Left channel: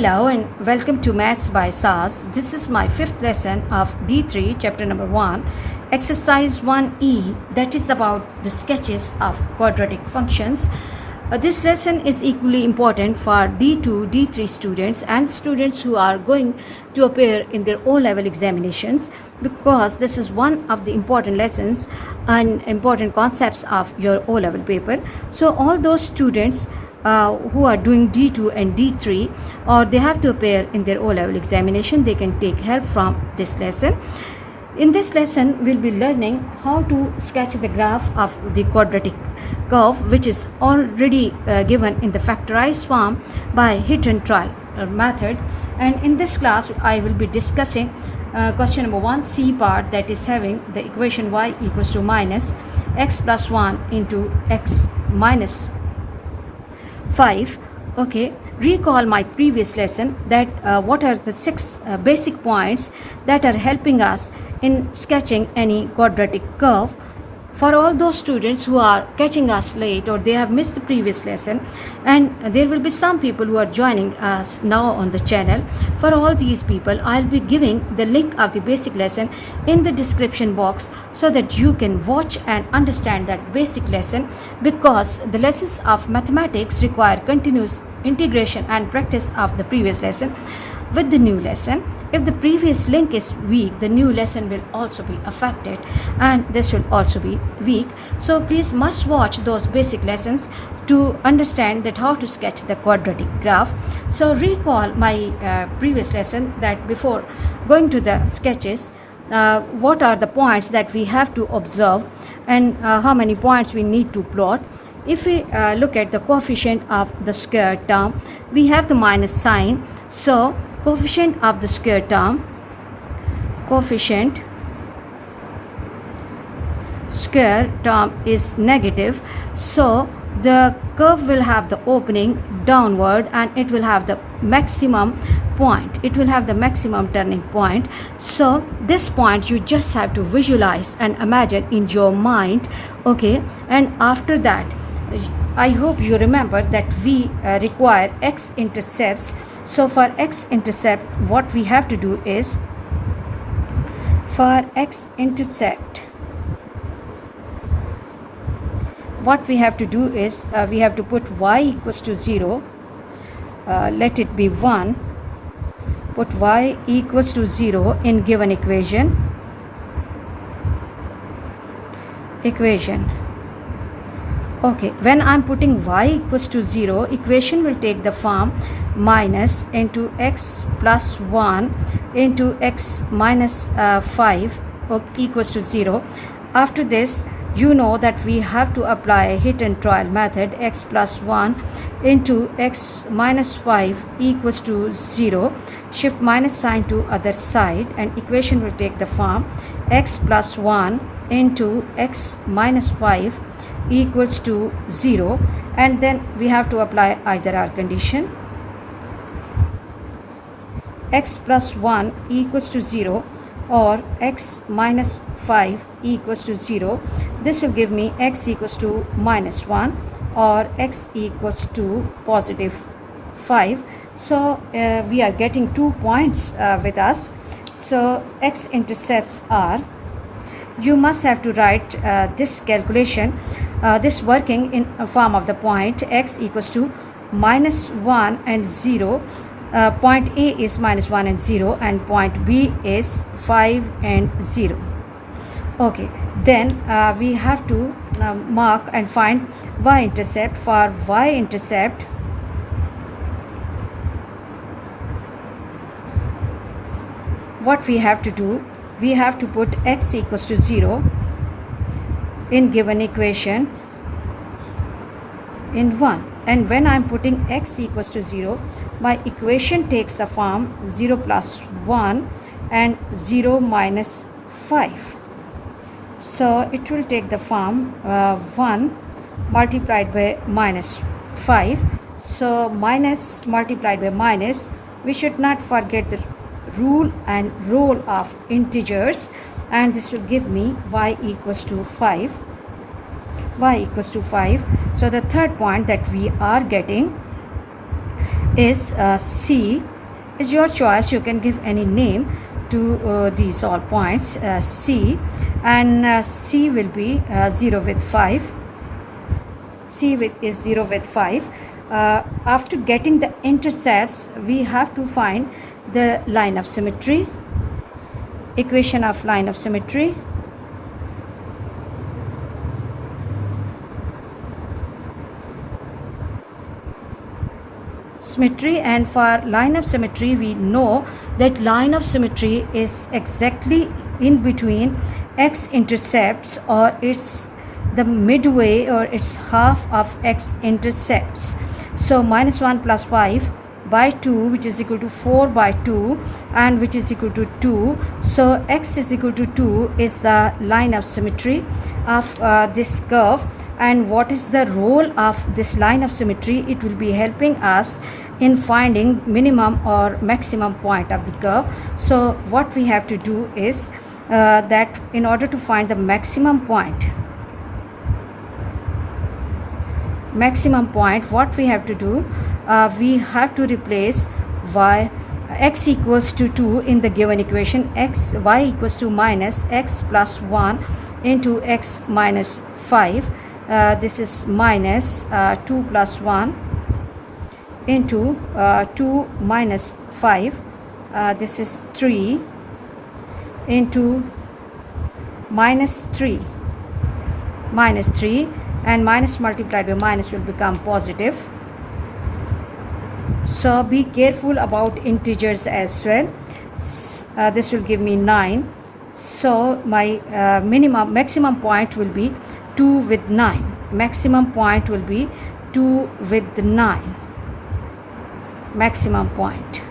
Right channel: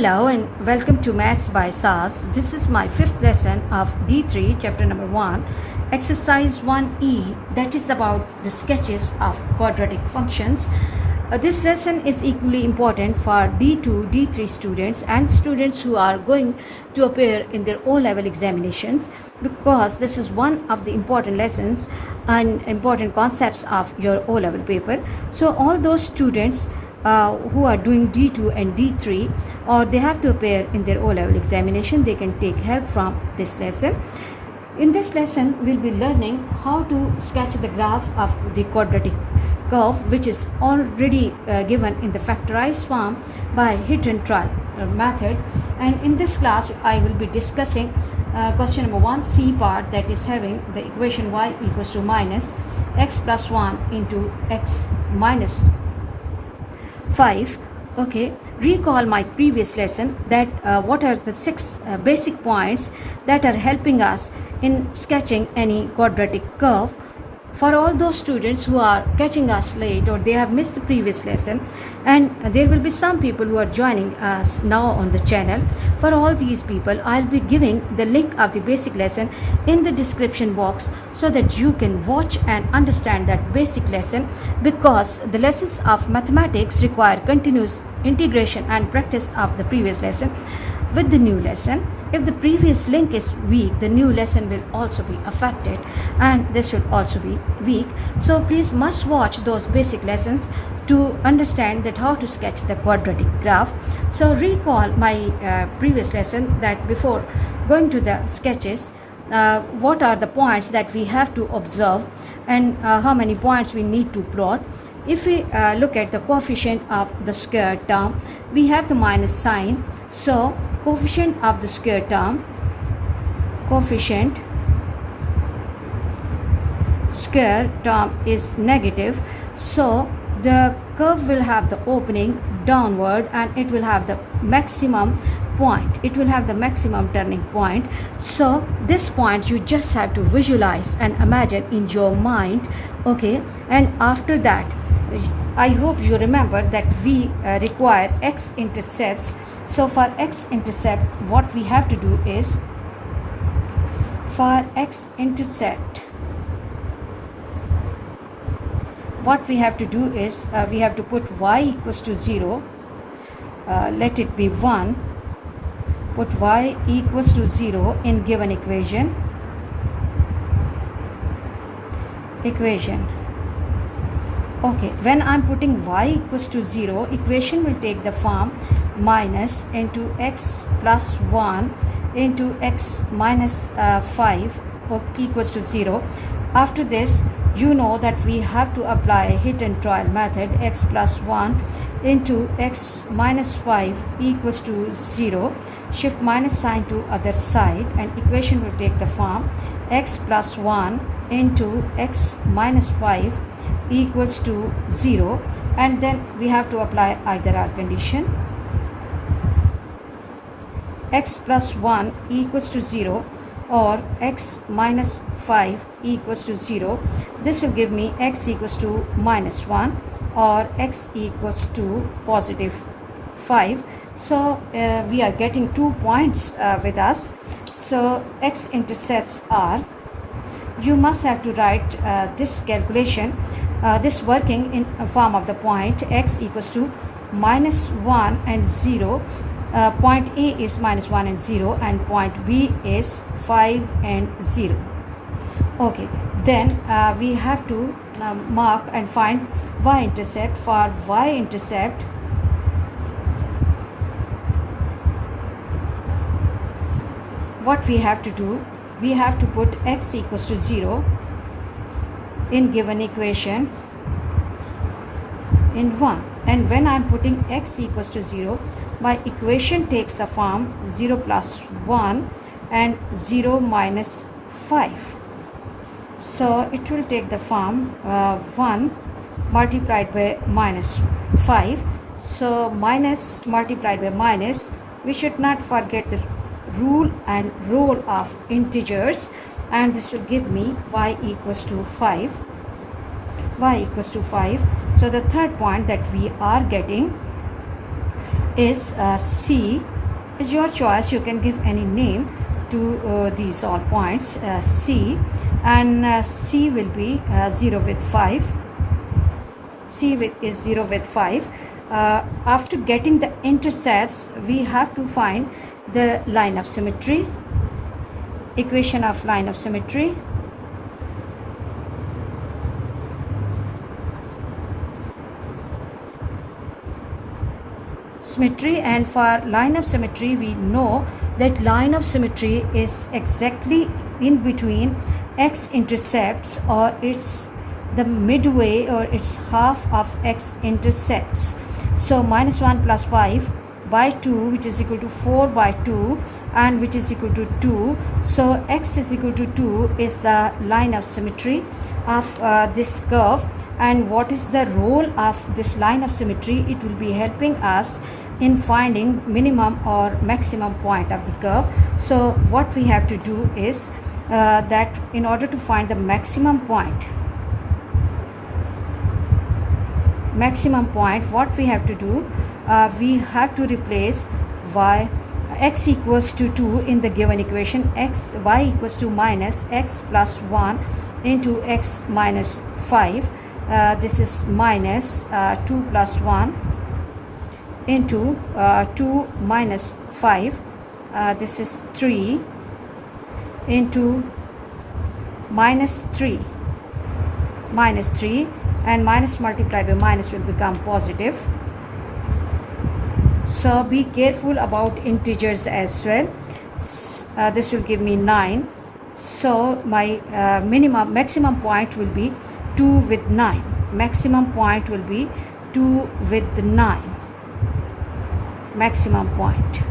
Hello and welcome to Maths by SAS. This is my fifth lesson of D3 chapter number 1, exercise 1E, that is about the sketches of quadratic functions. This lesson is equally important for D2, D3 students and students who are going to appear in their O-level examinations, because this is one of the important lessons and important concepts of your O-level paper. So all those students who are doing D2 and D3, or they have to appear in their O-level examination, they can take help from this lesson. In this lesson, we'll be learning how to sketch the graph of the quadratic curve, which is already given in the factorized form by hit and trial method. And in this class, I will be discussing question number 1C part, that is having the equation y equals to minus x plus 1 into x minus 5. Okay, recall my previous lesson that what are the 6 basic points that are helping us in sketching any quadratic curve. For all those students who are catching us late or they have missed the previous lesson, and there will be some people who are joining us now on the channel, for all these people I'll be giving the link of the basic lesson in the description box so that you can watch and understand that basic lesson, because the lessons of mathematics require continuous integration and practice of the previous lesson with the new lesson. If the previous link is weak, the new lesson will also be affected and this will also be weak. So please must watch those basic lessons to understand that how to sketch the quadratic graph. So recall my previous lesson that before going to the sketches, what are the points that we have to observe and how many points we need to plot. If we look at the coefficient of the square term, we have the minus sign. So coefficient of the square term, coefficient square term is negative, so the curve will have the opening downward and it will have the maximum point, it will have the maximum turning point. So this point you just have to visualize and imagine in your mind. Okay, and after that I hope you remember that we require X intercepts. So for X intercept, what we have to do is, for X intercept, what we have to do is we have to put y equals to 0, let it be 1, put y equals to 0 in given equation. Okay, when I'm putting y equals to 0, equation will take the form minus into x plus 1 into x minus 5 equals to 0. After this, you know that we have to apply hit and trial method. X plus 1 into x minus 5 equals to 0. Shift minus sign to other side and equation will take the form x plus 1 into x minus 5 equals to 0, and then we have to apply either our condition, x plus 1 equals to 0 or x minus 5 equals to 0. This will give me x equals to minus 1 or x equals to positive 5. So we are getting 2 points with us. So X intercepts are, you must have to write this calculation, this working in a form of the point x equals to minus 1 and 0. Point A is minus 1 and 0 and point B is 5 and 0. Okay, then we have to mark and find y-intercept. For y-intercept, what we have to do, we have to put x equals to 0 in given equation in 1. And when I'm putting x equals to 0, my equation takes the form 0 plus 1 and 0 minus 5. So it will take the form 1 multiplied by minus 5. So minus multiplied by minus, we should not forget the rule and role of integers, and this will give me y equals to 5. So the third point that we are getting is C. Is your choice. You can give any name to these all points. C, and C will be 0 with 5. C is 0 with 5. After getting the intercepts, we have to find the line of symmetry, equation of line of symmetry. And for line of symmetry, we know that line of symmetry is exactly in between X intercepts, or it's the midway, or it's half of X intercepts. So -1 plus 5 by 2, which is equal to 4 by 2, and which is equal to 2. So X is equal to 2 is the line of symmetry of this curve. And what is the role of this line of symmetry? It will be helping us in finding minimum or maximum point of the curve. So what we have to do is that in order to find the maximum point, what we have to do, we have to replace x equals to 2 in the given equation. Y equals to minus x plus 1 into x minus 5. This is minus 2 plus 1 into 2 minus 5. This is 3 into minus 3, and minus multiplied by minus will become positive. So be careful about integers as well. This will give me 9. So my maximum point will be 2 with 9. Maximum point will be 2 with 9. Maximum point.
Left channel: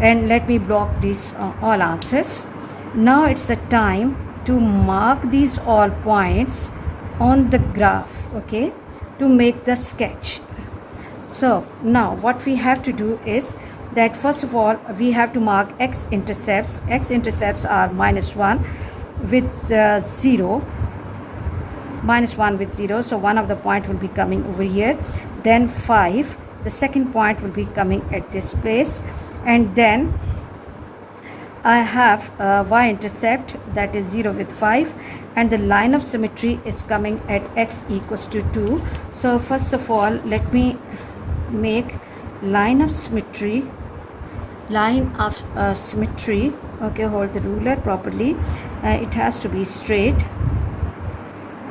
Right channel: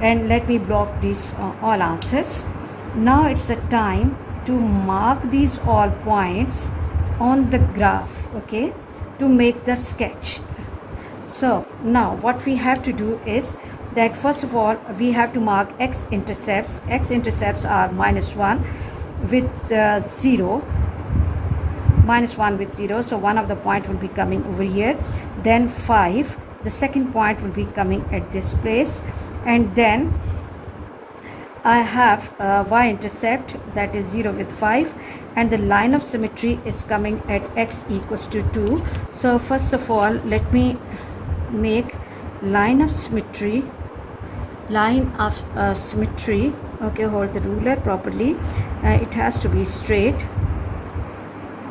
And let me block these all answers. Now it's the time to mark these all points on the graph, okay, to make the sketch. So now what we have to do is that first of all we have to mark X intercepts. X intercepts are -1 with 0. -1 with 0, so one of the point will be coming over here. Then 5, the second point will be coming at this place, and then I have Y-intercept, that is 0 with 5, and the line of symmetry is coming at x equals to 2. So first of all, let me make line of symmetry. Okay, hold the ruler properly. It has to be straight.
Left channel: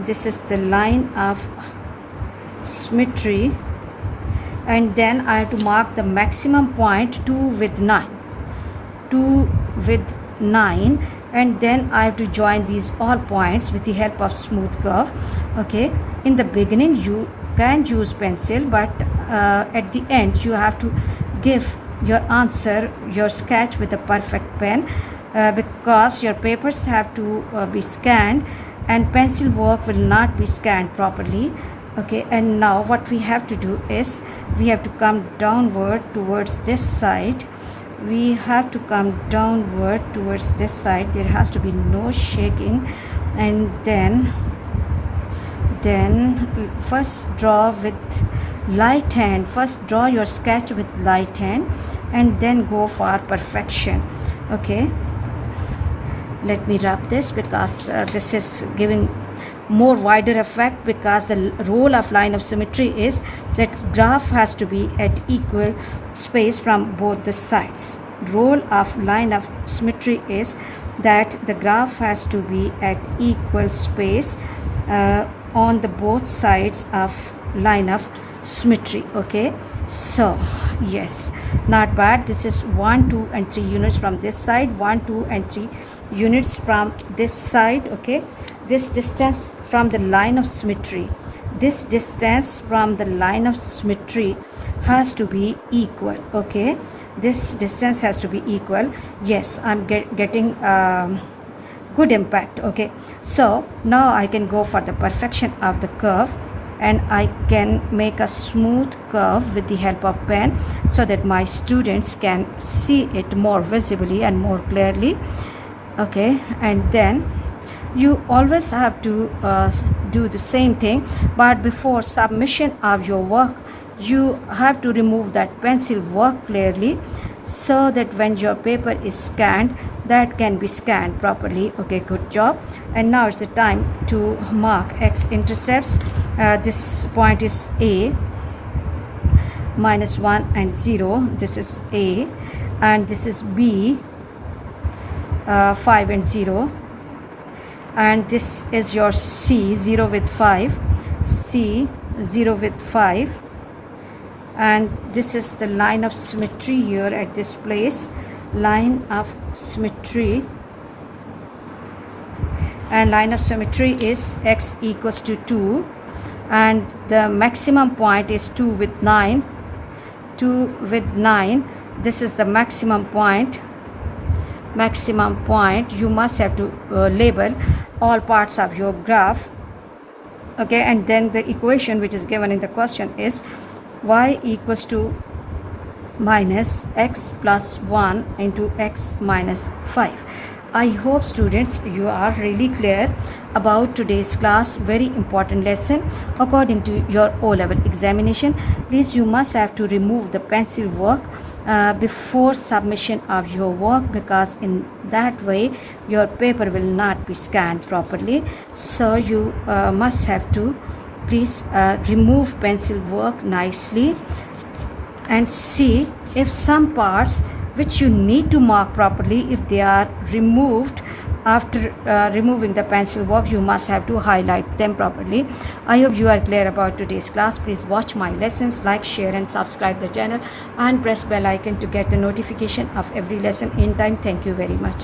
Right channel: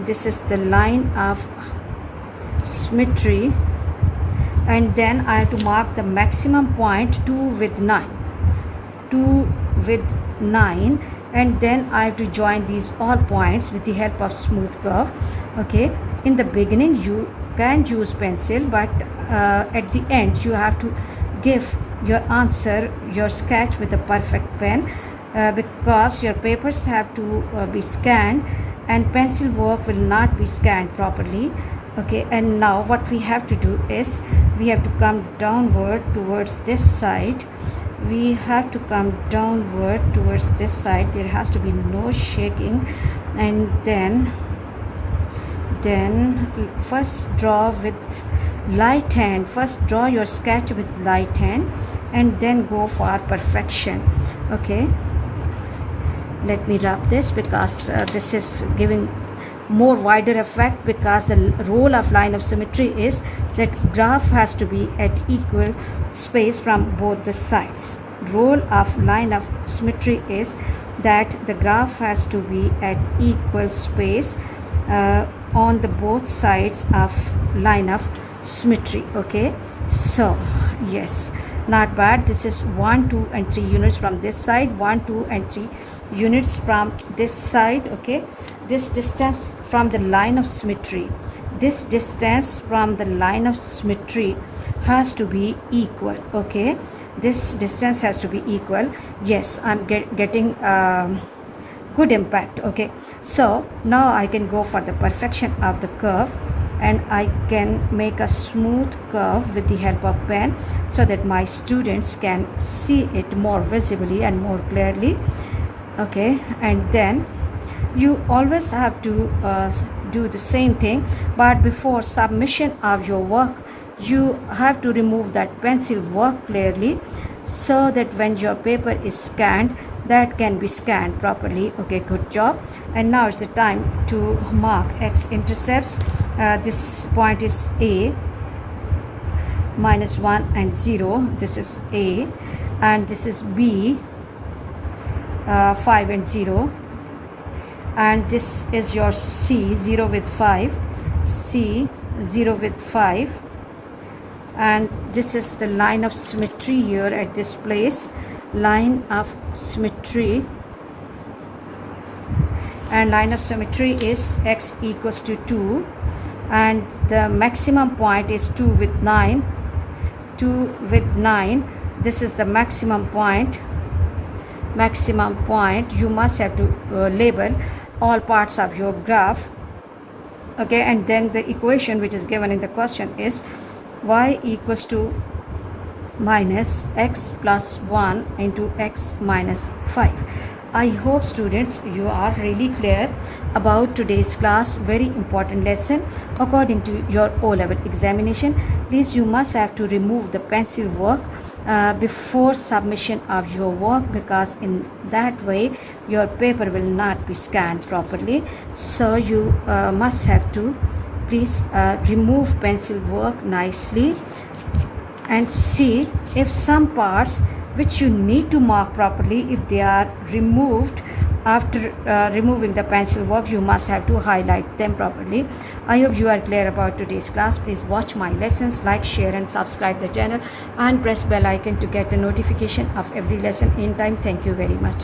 This is the line of symmetry, and then I have to mark the maximum point 2 with 9. 2 with 9, and then I have to join these all points with the help of smooth curve. Okay, in the beginning you can use pencil, but at the end you have to give your answer, your sketch, with a perfect pen, because your papers have to be scanned, and pencil work will not be scanned properly. Okay, and now what we have to do is we have to come downward towards this side. We have to come downward towards this side. There has to be no shaking, and then first draw with light hand. First draw your sketch with light hand, and then go for perfection. Okay, let me rub this, because this is giving more wider effect, because the role of line of symmetry is that graph has to be at equal space from both the sides. Role of line of symmetry is that the graph has to be at equal space on the both sides of line of symmetry. Okay, so yes, not bad. This is 1, 2 and 3 units from this side, 1, 2 and 3 units from this side. Okay, this distance from the line of symmetry, this distance from the line of symmetry has to be equal. Okay, this distance has to be equal. Yes, I'm getting good impact. Okay, so now I can go for the perfection of the curve, and I can make a smooth curve with the help of pen, so that my students can see it more visibly and more clearly. Okay, and then you always have to do the same thing, but before submission of your work, you have to remove that pencil work clearly so that when your paper is scanned, that can be scanned properly. Okay, good job. And now it's the time to mark X intercepts. This point is A, -1 and 0. This is A, and this is B, 5 and 0, and this is your C, 0 with 5, C, 0 with 5, and this is the line of symmetry here at this place, line of symmetry, and line of symmetry is X equals to 2, and the maximum point is 2 with 9, 2 with 9. This is the maximum point. You must have to label all parts of your graph. Okay, and then the equation which is given in the question is y equals to minus x plus 1 into x minus 5. I hope students you are really clear about today's class. Very important lesson according to your O-level examination. Please, you must have to remove the pencil work before submission of your work, because in that way your paper will not be scanned properly. So you must have to please remove pencil work nicely and see if some parts which you need to mark properly, if they are removed after removing the pencil work, you must have to highlight them properly. I hope you are clear about today's class. Please watch my lessons, like, share and subscribe the channel, and press bell icon to get the notification of every lesson in time. Thank you very much.